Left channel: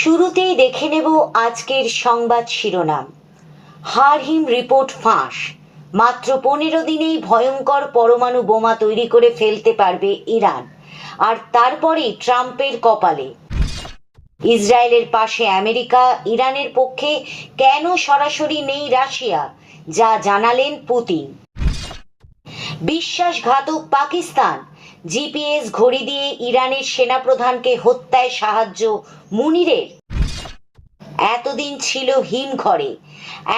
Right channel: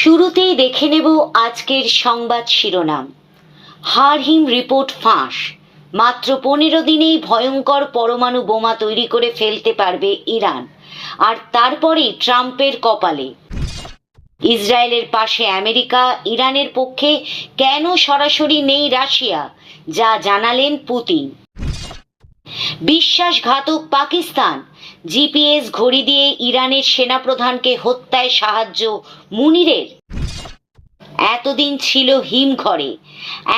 শুরুতেই দেখে নেব আজকের সংবাদ শিরোনাম। হারহিম রিপোর্ট ফাঁস, মাত্র 15 দিনেই ভয়ঙ্কর পরমাণু বোমা তৈরি করে ফেলতে পারবে ইরান, আর তারপরেই ট্রাম্পের কপালে। ইসরায়েলের পাশে আমেরিকা, ইরানের পক্ষে কেন সরাসরি নেই রাশিয়া, যা জানালেন পুতিন। বিশ্বাসঘাতক পাকিস্তান, জিপিএস ঘড়ি দিয়ে ইরানের সেনাপ্রধানকে হত্যায় সাহায্য মুনিরের। এতদিন ছিল হিমঘরে,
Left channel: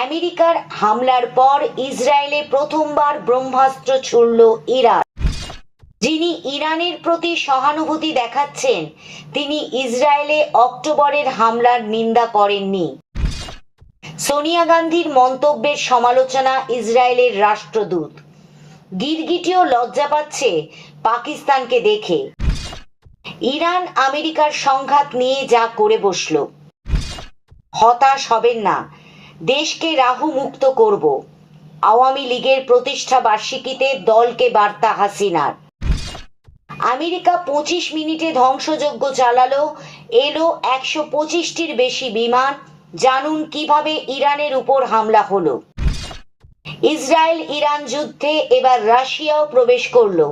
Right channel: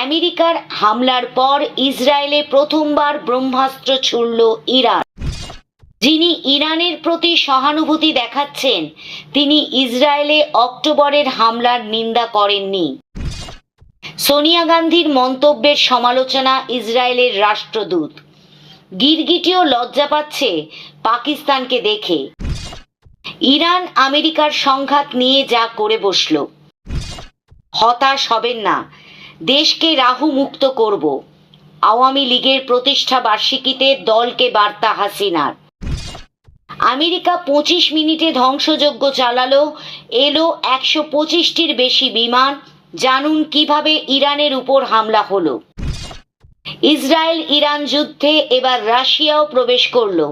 আমেরিকার হামলার পর ইসরায়েলে প্রথমবার ব্রহ্মাস্ত্র ছুড়ল ইরান। যিনি ইরানের প্রতি সহানুভূতি দেখাচ্ছেন, তিনি ইসরায়েলে অক্টোবরের হামলার নিন্দা করেননি। সোনিয়া গান্ধীর মন্তব্যের সমালোচনা ইসরায়েলের রাষ্ট্রদূত। গিরগিটিও লজ্জা পাচ্ছে পাকিস্তানকে দেখে। ইরান আমেরিকার সংঘাত নিয়ে যা করে বসল। হতাশ হবেন না, দেশকে রাহু মুক্ত করব, আওয়ামী লীগের প্রতিষ্ঠা বার্ষিকীতে দলকে বার্তা হাসিনার। আমেরিকা 25 মিনিটে ধ্বংসযজ্ঞ চালালো, এলো 125টির বেশি বিমান। জানুন কিভাবে ইরানের উপর হামলা হলো। ইসরায়েল ইরান যুদ্ধে এবার রাশিয়াও প্রবেশ করলো,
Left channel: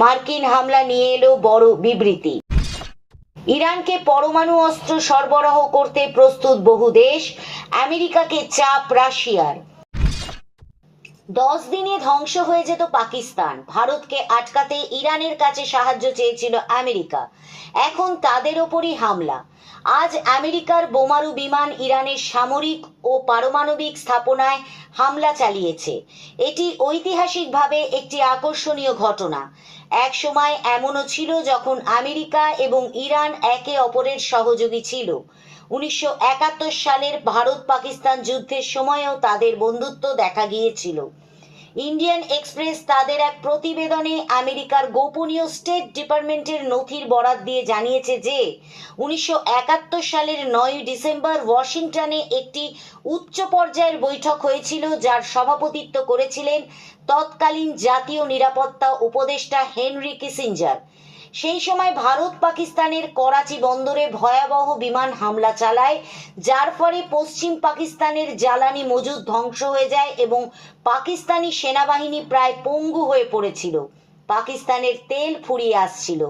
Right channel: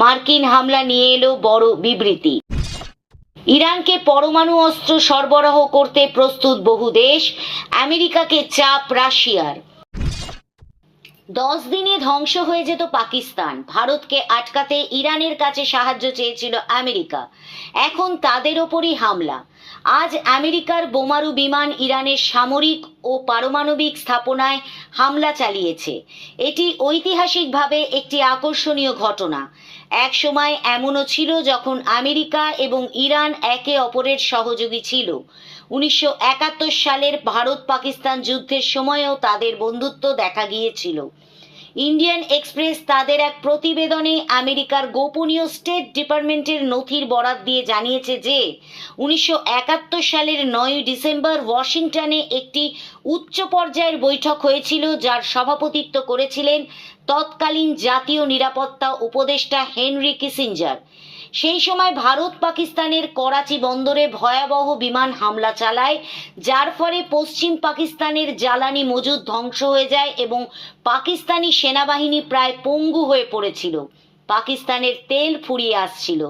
মার্কিন হামলা নিয়ে এলো বড় বিবৃতি। ইরানকে পরমাণু অস্ত্র সরবরাহ করতে প্রস্তুত বহু দেশ, আমেরিকাকে চাপ রাশিয়ার। 10 দিনে ধ্বংস হয়ে যেত পাকিস্তান, ভারতকে আটকাতে ইরানের কাছে সাহায্য চেয়েছিল আমেরিকা, এখন তাদের ওপরই হামলা। আজ আমেরিকার বোমারু বিমান ইরানের সামরিক ও পারমাণবিক স্থাপনায় হামলা চালিয়েছে। এটি ঐতিহাসিকভাবে একটি আকর্ষণীয় ঘটনা। এক সময় এমনও ছিল যখন আমেরিকা এবং ইরান একে অপরের সহযোগী ছিল। 1971 সালের ভারত পাকিস্তান যুদ্ধের সময়ও তাদের বন্ধুত্ব দেখা গিয়েছিল। ইন্ডিয়ান এক্সপ্রেস তাদের এক প্রতিবেদনে আমেরিকার গোপনীয় স্টেট ডিপার্টমেন্টের নথির বরাত দিয়ে জানিয়েছে যে 1971 সালের 9 ডিসেম্বর ওয়াশিংটনে একটি উচ্চ পর্যায়ের বৈঠক হয়েছিল, যার সভাপতিত্ব করেছিলেন তৎকালীন জাতীয় নিরাপত্তা উপদেষ্টা হেনরি কিসিঞ্জার। সেই সময় ভারত পাকিস্তানের করাচি বন্দরে ভয়াবহ বিমান হামলা চালায়, যার ফলে পশ্চিম পাকিস্তানের জ্বালানি মজুদ ধ্বংস হয়ে যায় এবং পাকিস্তানি সেনাবাহিনী প্রায় পঙ্গু হয়ে পড়েছিল। পাকিস্তানের তেল ফুরিয়ে আসছিল।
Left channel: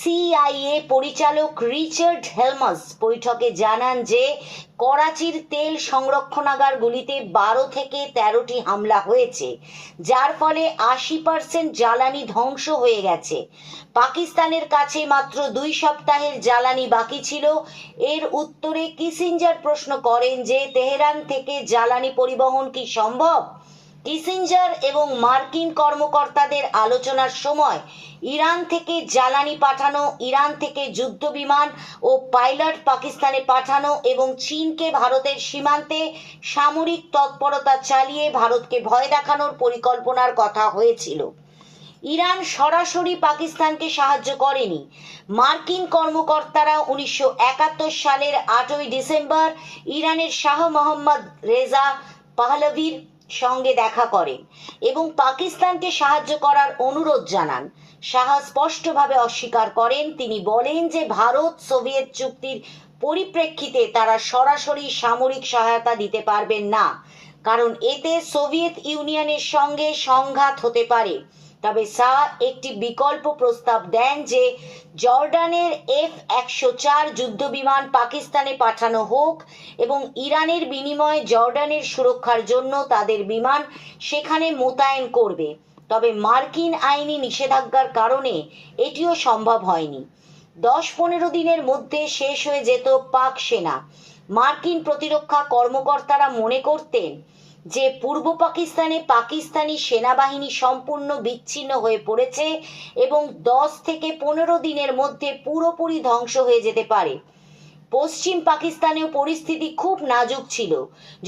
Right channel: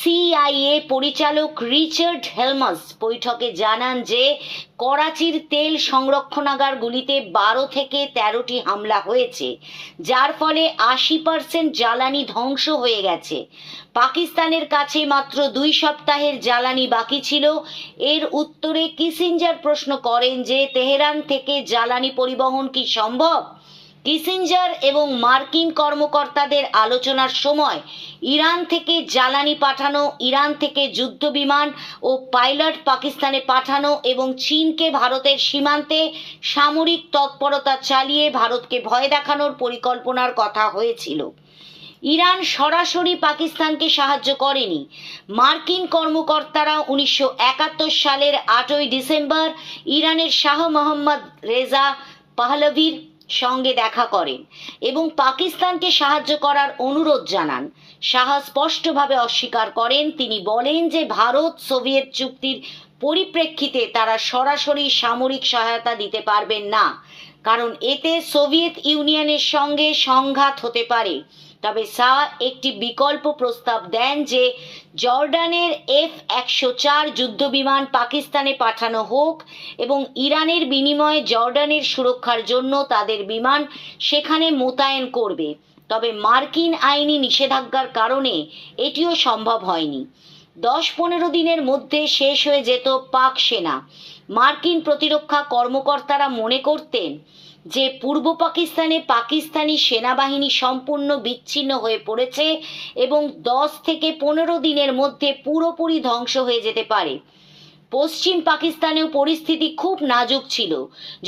সিআইএ পরিচালক রিচার্ড হেলমাস বৈঠকে জানান যে করাচির তেল সংরক্ষণাগারগুলিতে 12 থেকে 13টি হামলা হয়েছে, যার ফলে 80% জ্বালানি ধ্বংস হয়ে গেছে। পাকিস্তানের কাছে মাত্র 2 সপ্তাহের জ্বালানি বাকি ছিল। এর উত্তরে কিসিঞ্জার প্রশ্ন করেন যে তেহরান থেকে জ্বালানি পরিবহন কি সম্ভব। কিসিঞ্জার এবং মার্কিন কর্মকর্তাদের আলোচনার সময় ইরান থেকে জ্বালানি পাঠানো, ইরান থেকে যুদ্ধ বিমান ও পাইলট পাকিস্তানে পাঠানো এবং চীনকে ভারতের সীমান্তে সামরিক তৎপরতা চালিয়ে ভারতকে ভয় দেখানোর পরিকল্পনার কথা হয়েছিল। ইরান সরাসরি পাকিস্তানকে সাহায্য করেনি। মার্কিন কর্মকর্তারা 1971 সালের 8ই ডিসেম্বর ইরানের শাহ মোহাম্মদ রেজা পাহলভির সঙ্গে দেখা করেন এবং পাকিস্তানকে সাহায্য করার অনুরোধ জানান। শাহ স্পষ্টভাবে অস্বীকার করেন। তিনি বলেন যে ভারত সোভিয়েত চুক্তির পরিপ্রেক্ষিতে তারা সরাসরি সামরিক সহায়তা দিতে পারবেন না, কারণ এতে সোভিয়েত ইউনিয়নের সঙ্গে সংঘাত হতে পারে। তবে শাহ একটি বিকল্প প্রস্তাব দেন যে জর্ডানের F-104 যুদ্ধবিমান পাকিস্তানে পাঠানো হোক এবং ইরানের বিনিময়ে জর্ডানের সুরক্ষার জন্য তাদের বিমান সেখানে মোতায়েন করবে। তবে মার্কিন আইনি নিষেধাজ্ঞার কারণে এটিও সম্ভব হয়নি। 10-15 দিনের মধ্যে শেষ হয়ে যেত পাক সেনা। মার্কিন প্রতিরক্ষা কর্মকর্তারা মনে করতেন যে পূর্ব পাকিস্তানে পাকিস্তানি সেনাবাহিনী সম্পূর্ণ বিচ্ছিন্ন হয়ে পড়েছে এবং 10 থেকে 15 দিনের মধ্যে পুরোপুরি ধ্বংস হয়ে যেতে পারে। পশ্চিম পাকিস্তানেও পরিস্থিতি খুব নাজুক ছিল।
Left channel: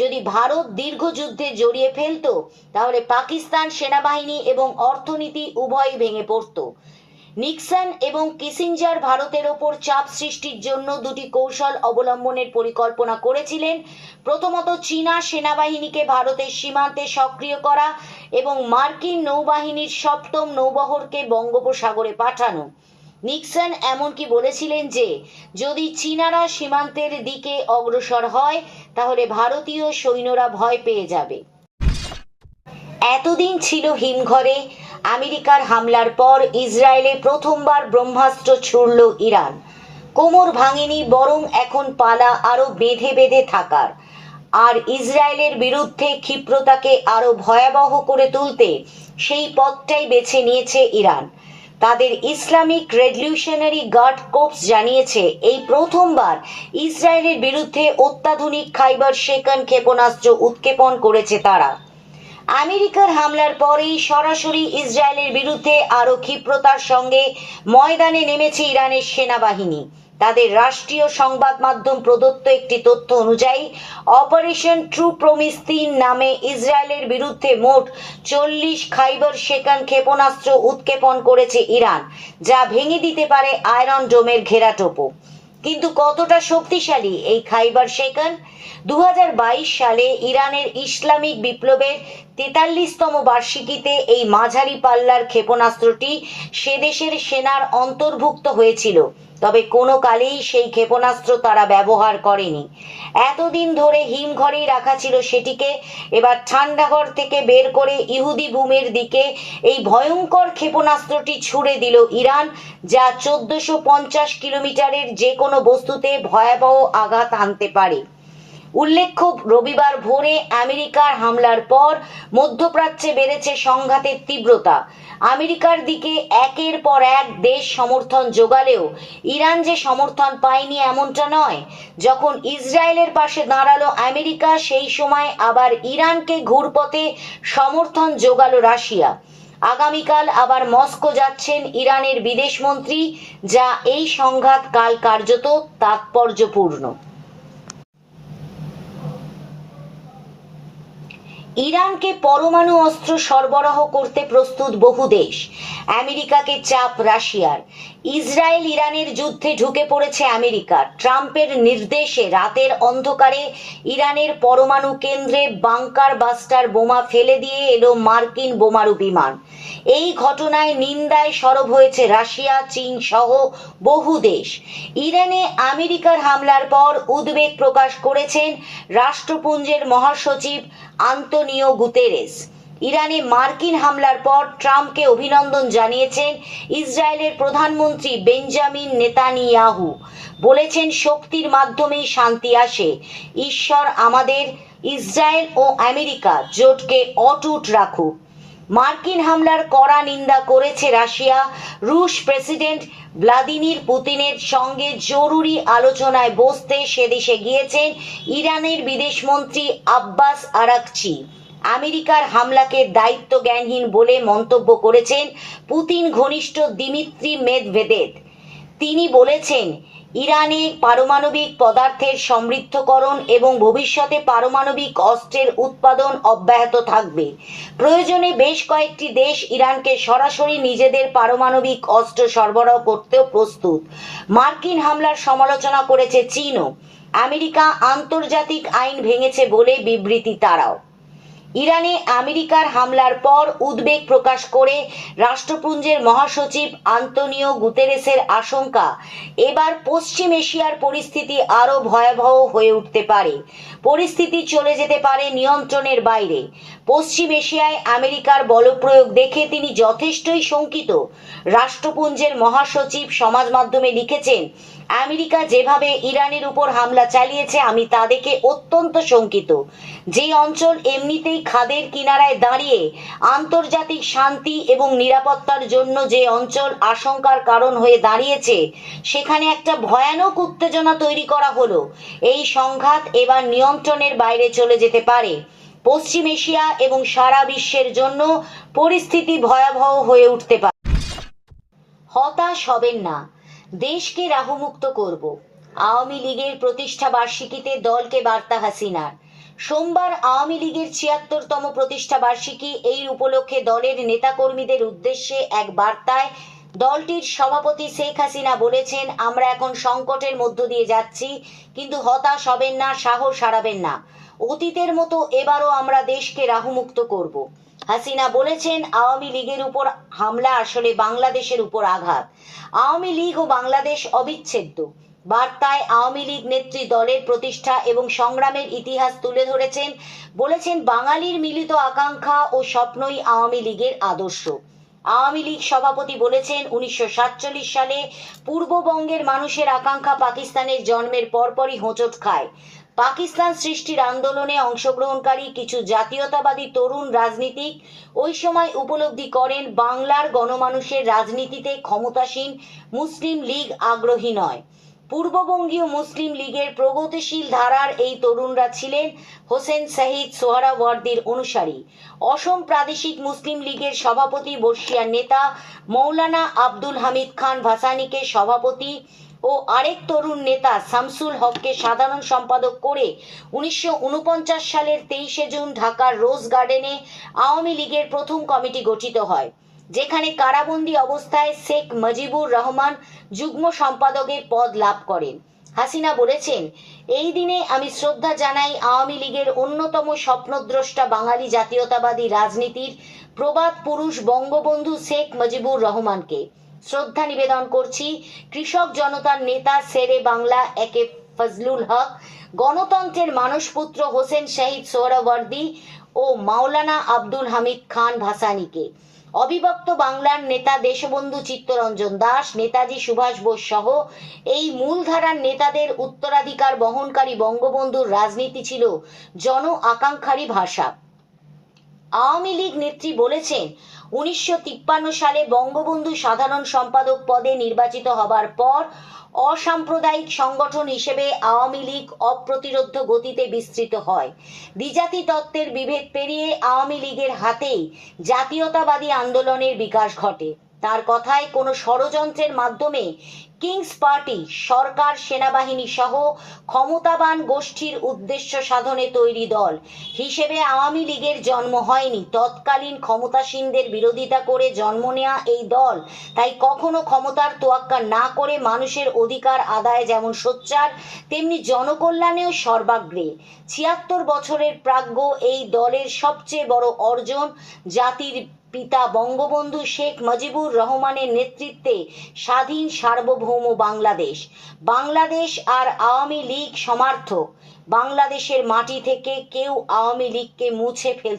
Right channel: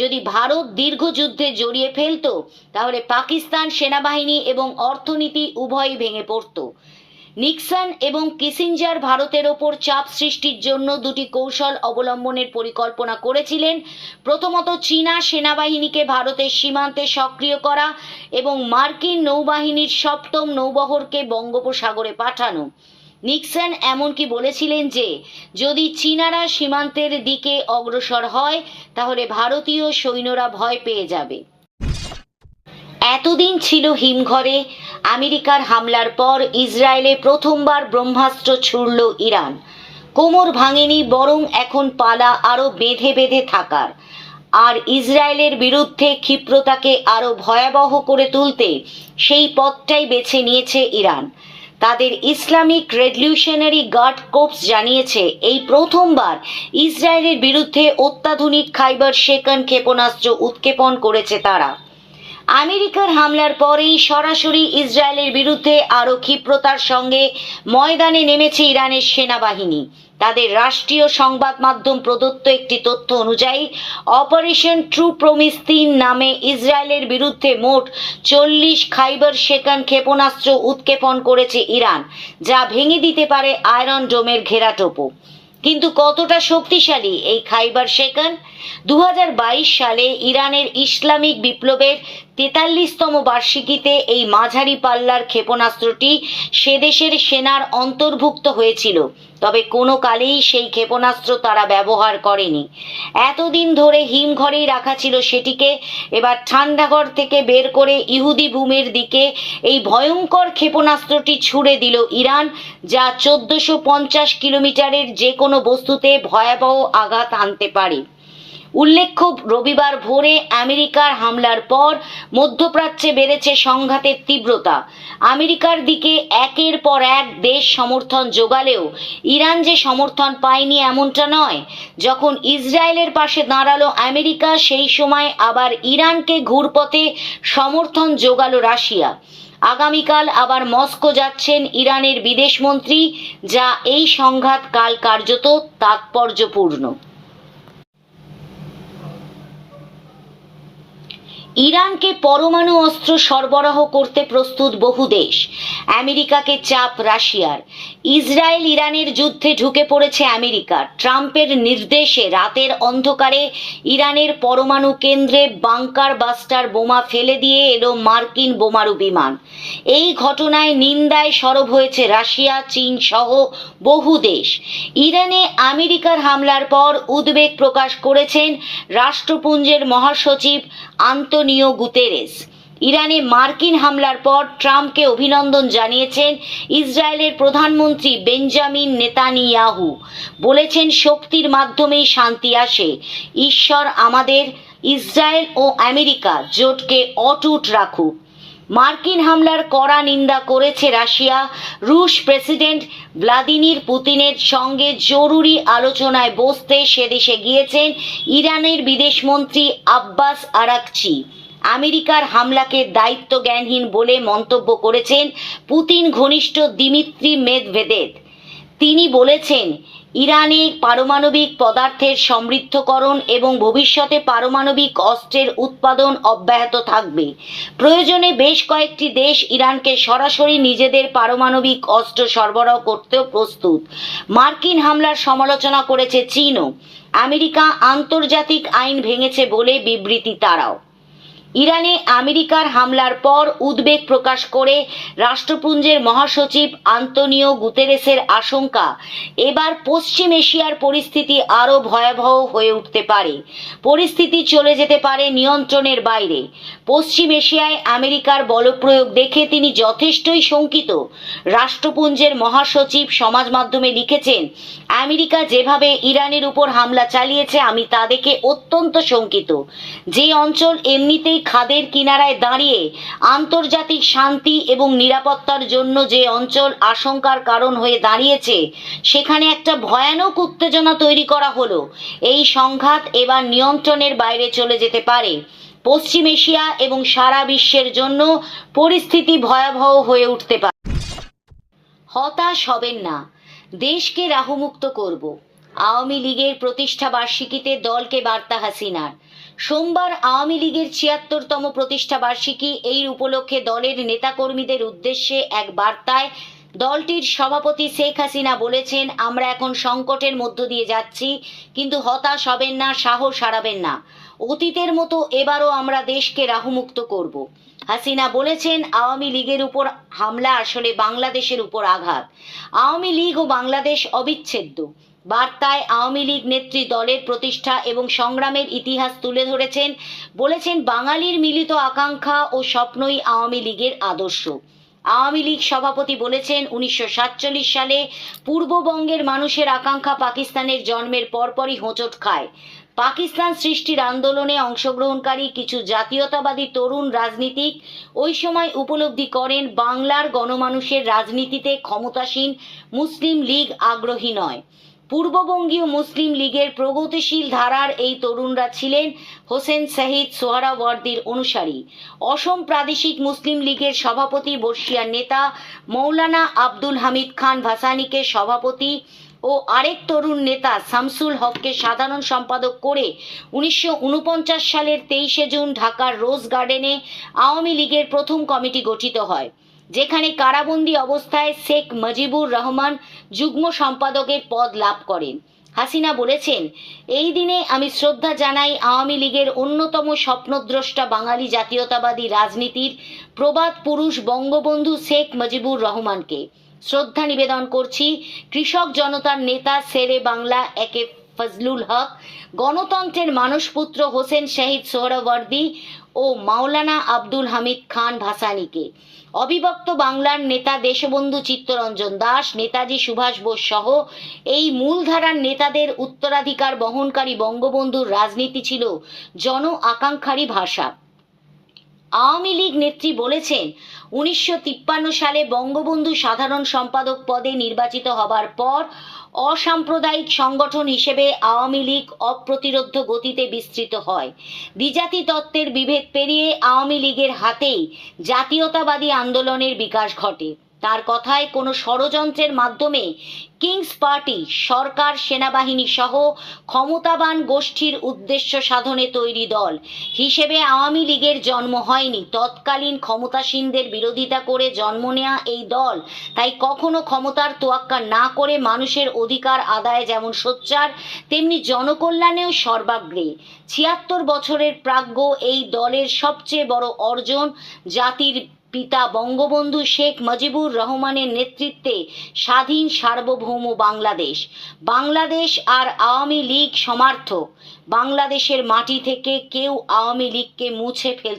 যদি ভারত দীর্ঘ যুদ্ধে জড়িয়ে ফেলত, তাহলে পাকিস্তান সেনাবাহিনী এবং অর্থনীতি উভয়ই ভেঙে পড়ত। নিক্সন এবং কিসিঞ্জার ভারতের ওপর চাপ সৃষ্টির জন্য দুটি কৌশল অবলম্বনের পরিকল্পনা করেছিলেন। প্রথমত, চীনা সেনাবাহিনীকে ভারতের সীমান্তে সক্রিয় করা এবং মার্কিন নৌবাহিনীর 7ম নৌবহরকে বঙ্গোপসাগরে পাঠানো। নিক্সন এমনকি বলেছিলেন যে যদি চীনারা সীমান্তের দিকে অগ্রসর হয় তাহলে ভারতীয় সৈন্যরা ভয় পেয়ে যাবে। এতদিন ছিল হিমঘরে। আমেরিকার হামলার পর ইসরায়েলে প্রথমবার ব্রহ্মাস্ত্র ছুড়ল ইরান। কোমর ভাঙেনি, বরং এখন পালা আরো বেঁধে বেঁধে থাকার। আর ইসরায়েলের বিরুদ্ধে ক্ষিপ্রতাকে আরো ভয়াবহ করে তুলতে সেই পথটাই বেছে নিয়েছে ইরান। তাদের ইসলামিক রেভলিউশনারি গার্ড কোর্পস জানিয়েছে এই প্রথমবার ইসরায়েলের বিরুদ্ধে অত্যাধুনিক খাইবার শেকন ক্ষেপণাস্ত্র উৎক্ষেপণ করেছে তারা। আমেরিকার হামলার পরেই সরাসরি ইসরায়েলের বিরুদ্ধে আরও ক্ষিপ্রতার সঙ্গে ময়দানে নেমেছে ইরানের সেনাবাহিনী। তাদের রাষ্ট্রীয় সংবাদ মাধ্যম প্রদত্ত একটি তথ্য অনুযায়ী অপারেশন ট্রু প্রমিস 3 নামে ইসরায়েলের বিরুদ্ধে মোট 40 খাইবার শেকন ক্ষেপণাস্ত্র উৎক্ষেপণ করেছে ইরান, যা ভেঙে দিতে পারে আয়রন ডোমের ঘেরাটোপও। কিন্তু কতটা শক্তিশালী এই খাইবার শেকন? 2022 সালে ইরানের ইসলামিক বিপ্লবের 43তম বার্ষিকীতে এই মাঝারি পাল্লার ক্ষেপণাস্ত্রটি সে দেশের সেনার অন্তর্ভুক্ত হয়েছিল, তবে কোনো কালেই সেই ক্ষেপণাস্ত্র তারা ব্যবহার করেনি। এতদিন ধরে হিমঘরেই রাখা ছিল সেটিকে। এবার ঠান্ডাঘর থেকে বের করে ইহুদি ভূমির দিকে এই ভয়ঙ্কর ক্ষেপণাস্ত্রটি ছুড়ে দিল ইরান, যা 1450 কিলোমিটারের যে কোনো বস্তুতে ভয়াবহ আঘাত হানতে পারে। উল্লেখ্য, রবিবার ভোরে আমেরিকার হামলার পর মধ্যপ্রাচ্যে বেড়েছে সংঘাতের তীব্রতা। আমেরিকার দিকে একের পর এক দেশ সমর্থন জোগালেও ইরান যে সমর্থন পায়নি এমনটা নয়। যখন ইসরায়েলের পাশে দাঁড়ালো আমেরিকা, সেই সময় আবার ইরানকে ঘুরপথে সমর্থন জোগালো রাশিয়া। আগামীকাল আবার মস্কো যাচ্ছেন ইরানের বিদেশমন্ত্রী, যা এই সংঘাত কাল কার্যত তাৎপর্যপূর্ণ। ইরানকে পরমাণু অস্ত্র সরবরাহ করতে প্রস্তুত বহু দেশ। আমেরিকাকে চাপ রাশিয়ার। ইসরায়েল ইরানের যুদ্ধে ঢুকে পড়েছে আমেরিকা। ট্রাম্পের নির্দেশে রাতের অন্ধকারে ইরানের পরমাণু কেন্দ্রে বাংকার বাস্টার বোমা ফেলে দিয়ে এলো মার্কিন বোমারু বিমান। এই ঘটনায় নিন্দায় সরব হয়েছে রাশিয়া, চীন সহ বহু দেশ। ইরানে আমেরিকার হামলার পর উদ্বেগ প্রকাশ করেছেন রাষ্ট্রপুঞ্জের মহাসচিব আন্তোনিও গুতেরেস। ইরানে মার্কিন হামলার পর ট্রাম্পকে অভিনন্দন জানিয়েছেন ইসরায়েলের প্রধানমন্ত্রী বেঞ্জামিন নেতানিয়াহু। বলেছেন, শক্তির মাধ্যমেই শান্তি আসে। ঈশ্বর আমাদের ইসরায়েল ও আমেরিকা জোটকে অটুট রাখুক। মার্কিন হামলার কড়া নিন্দা করেছে রাশিয়া। রুশ প্রেসিডেন্ট ভ্লাদিমির পুতিনের সঙ্গে জরুরি আলোচনায় বসতে সেদেশে গিয়েছেন ইরানের বিদেশমন্ত্রী আব্বাস আরাকচি। আমেরিকার হামলাকে দায়িত্বজ্ঞানহীন বলে মন্তব্য করেছেন পুতিন ঘনিষ্ঠ দিমিত্রি মেদভেদেভ। তিনি বলেছেন, ইরানে পারমাণবিক পদার্থের সমৃদ্ধকরণ এবং ভবিষ্যতে পারমাণবিক অস্ত্রের উৎপাদন অব্যাহত থাকবে। প্রয়োজনে বেশ কয়েকটি দেশ ইরানকে সরাসরি নিজেদের পারমাণবিক অস্ত্র সরবরাহ করতেও প্রস্তুত। মার্কিন হামলার সমালোচনা করেছে চীনও। আমেরিকা আন্তর্জাতিক আইন ভেঙেছে বলে বিবৃতি তারাও। ইরানে আমেরিকার হামলার পর উদ্বেগ প্রকাশ করে রাষ্ট্রপুঞ্জের মহাসচিব আন্তোনিও গুতেরেসের আশঙ্কা, এবার পশ্চিম এশিয়ার পরিস্থিতি আরও ভয়াবহ হয়ে উঠতে পারে। পরিস্থিতি চলে যেতে পারে নিয়ন্ত্রণের বাইরে। পশ্চিম এশিয়ায় আমেরিকার বলপ্রয়োগ দেখে তিনি যথেষ্টই শঙ্কিত। রাষ্ট্রপুঞ্জের মহাসচিব সমাজ মাধ্যমে লিখেছেন, আমেরিকা যেভাবে ইরানের উপর হামলা চালিয়েছে আমি তা দেখে অত্যন্ত শঙ্কিত। যে অঞ্চল এমনিতেই খাদের কিনারায় দাঁড়িয়ে আন্তর্জাতিক শান্তি এবং নিরাপত্তার জন্য যে অঞ্চল আশঙ্কার কারণ হয়ে দাঁড়িয়েছে, সেখানে একটা ভয়ানক উত্তেজনা তৈরি করা হলো। এই সংঘাত এবার নিয়ন্ত্রণের বাইরে চলে যেতে পারে। পশ্চিম এশিয়া এবং সারা বিশ্বের জন্য পরিস্থিতি ভয়াবহ হয়ে উঠতে পারে। হতাশ হবেন না, দেশকে রাহুমুক্ত করব। আওয়ামী লীগের প্রতিষ্ঠা বার্ষিকীতে দলকে বার্তা হাসিনার। সোমবার আওয়ামী লীগের ৭৬তম প্রতিষ্ঠা বার্ষিকী। এই উপলক্ষে দলের নেতাকর্মীদের উদ্দেশ্যে এক বার্তায় দলটির সভাপতি শেখ হাসিনা বলেছেন, আমরা এখন সংকটের মধ্য দিয়ে যাচ্ছি, কিন্তু হতাশ হবেন না, সাহস হারাবেন না। অতীতের মতো এবারও আমরা দেশকে রাহুমুক্ত করব। হাসিনা বলেছেন, আওয়ামী লীগের উপর হামলা আসলে বাংলাদেশের উপর আঘাত। আওয়ামী লীগ ও বাংলাদেশ অবিচ্ছেদ্য। বার্তায় আওয়ামী লীগ নেত্রী দলের প্রতিষ্ঠা এবং সংগ্রামের ইতিহাস তুলে ধরেছেন। বলেছেন, বাঙালির মিলিত আকাঙ্ক্ষা ও স্বপ্নই আওয়ামী লীগের আদর্শ। আওয়ামী লীগ সভাপতি বলেছেন, 1947 সালে পূর্ববঙ্গের মানুষের আকাঙ্ক্ষা পাকিস্তানের জন্মের পরপরই হোঁচট খায়। পাকিস্তান সৃষ্টির আন্দোলনে অংশগ্রহণকারী কিছু জাতীয়তাবাদী তরুণ রাজনীতিক ওই সময় উপলব্ধি করেন, বাংলার গণমানুষের রাজনীতিতে ক্ষমতাসীন মুসলিম লীগ আগ্রহী নয়। পূর্ববঙ্গীয় মুসলিম লীগের প্রগতিশীল ধারার এই তরুণরা ছিলেন হোসেন শহীদ সোহরাওয়ার্দীর অনুসারী। অসম প্রাদেশিক মুসলিম লীগের সভাপতি বর্ষিয়ার নেতা মৌলানা আব্দুল হামিদ খান ভাসানীকে সভাপতি ও আরেক তরুণ নেতা শামসুল হককে সাধারণ সম্পাদক করে 1949 সালের 23 জুন ঢাকার রোজ গার্ডেনে আওয়ামী লীগের প্রথম কমিটি গঠিত হয়, যেখানে কারাবন্দী অবস্থায় শেখ মুজিবুর রহমান যুগ্ম সম্পাদকের পদ লাভ করেন। হাসিনা বলেছেন, এই দিনে আমি শ্রদ্ধা জানাই আওয়ামী লীগের অন্যতম স্বপ্নদ্রষ্টা বাঙালি জাতীয়তাবাদী রাজনীতির প্রবাদ পুরুষ বঙ্গবন্ধু শেখ মুজিবুর রহমানকে। শ্রদ্ধা নিবেদন করছি কৃষক জনতার নেতা শেরে বাংলা একে ফজলুল হক, গণতন্ত্রের মানসপুত্র হোসেন শহীদ সোহরাওয়ার্দী ও মাওলানা আব্দুল হামিদ খান ভাসানীকে, অবিভক্ত বাংলার নেতা দেশবন্ধু চিত্তরঞ্জন দাস, নেতাজি সুভাষ বোস সহ এই মূলধারার নেতাদের উত্তরাধিকার বহনকারী বঙ্গবন্ধুর রাজনীতি ছিল জন আকাঙ্ক্ষারই ভাষা। আওয়ামী লীগ নেত্রী বলেছেন, 1953 সালে বঙ্গবন্ধু সাধারণ সম্পাদক পদে নির্বাচিত হবার পর অসাম্প্রদায়িক সংগঠন হিসেবে আওয়ামী লীগ অপ্রতিরোধ্য গতিতে বিস্তৃত হয়। দ্বিজাতি তত্ত্বের বিভেদ পেরিয়ে আওয়ামী লীগের হাতেই জাতীয়তাবাদী আন্দোলনের বিকাশ ঘটে। তার কথায়, কোনো ষড়যন্ত্রের মাধ্যমে কিংস পার্টি সরকার, সেনাবাহিনী সহ ক্ষমতাবান গোষ্ঠীর উদ্দেশ্য সাধনে তৈরি দল হিসেবে আওয়ামী লীগের জন্ম হয়নি। তৎকালীন ক্ষমতাসীনদের বিরোধিতা করে জন্ম নেওয়া এই দল তাই কখনো ক্ষমতার তোয়াক্কা না করে মানুষের অধিকার আদায়ে যেমন সোচ্চার, তেমনি জনকল্যাণেও সর্বাগ্রে। 76 বছরের প্রাজ্ঞ এই দলের সবচেয়ে বড় অর্জন জাতির পিতা বঙ্গবন্ধু শেখ মুজিবুর রহমানের নেতৃত্বে স্বাধীন সার্বভৌম বাংলাদেশ। বাংলাদেশ আর আওয়ামী লীগ সমার্থক। বাংলাদেশের মাটি থেকে কেউ আওয়ামী লীগকে মুছে ফেলতে